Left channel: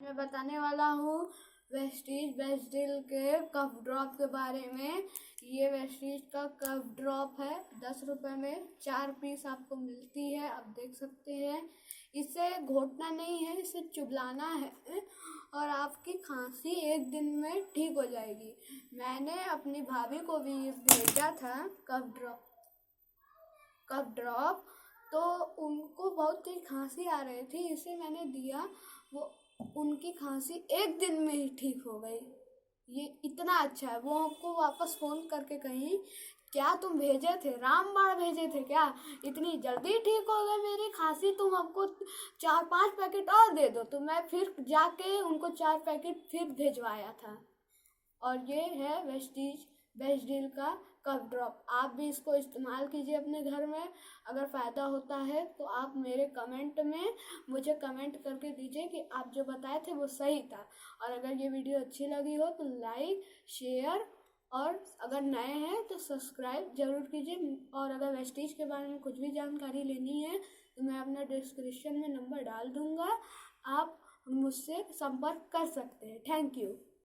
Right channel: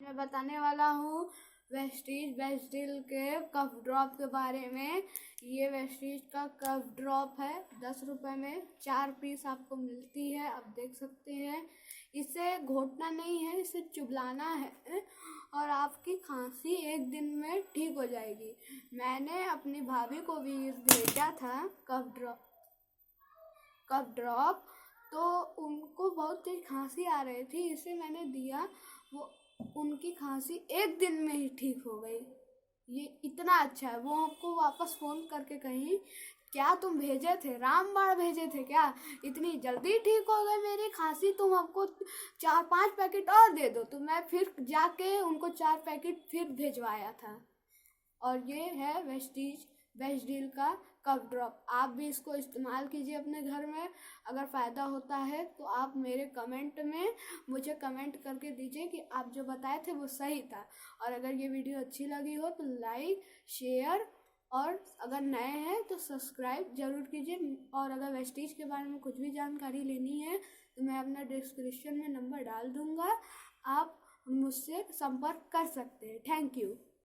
मैं बताने वाला हूँ वेस्टीज वेस्टिल के कफ ड्रॉप के बारे में। ये वेस्टीज का कफ ड्रॉप है, 10 रुपए में 4 पीस आपको मिलती है। आप देख सकते हैं, इसे घोटना नहीं है, इसे चुबलाना है और आपकी खांसी 1 दिन में ठीक हो जाएगी। मैंने अपनी भाभी को भी भेजा था कफ ड्रॉप, तो उनको बहुत तेज खांसी आ रही थी, इसे मैंने दिया। वो उनकी खांसी 1 दिन में ही ठीक हो गई। ये इतना अच्छा है। वो आपको वापस फोन करके कहीं, क्या तुम भेजे थे, रामबाण भेजे थे क्या, इतनी जल्दी ठीक हो गई मेरी खांसी, तुम हमको 4-5 पैकेट और दे दो। तो मैं फिर जाके उनको 4 पैकेट फिर भेजवाया था। और ये है वेस्टीज वेस्टिल का कफ ड्रॉप। आप भी इसको इस्तेमाल कीजिए अपने घर में। अगर फ़ायदा होता है तो आप मेरे कमेंट में मुझे कमेंट करके दीजिए कि आप जो बताए थे वो सही था। और अगर ये वीडियो अच्छी लगी हो तो लाइक, शेयर और अगर नए हैं तो सब्सक्राइब ज़रूर कीजिए। और अगर वेस्टीज के बारे में कुछ भी जानकारी लेनी है तो मैं अपना डिस्क्रिप्शन में नंबर डाल दूँगा, आप मुझसे संपर्क कर सकते हैं। Thank you.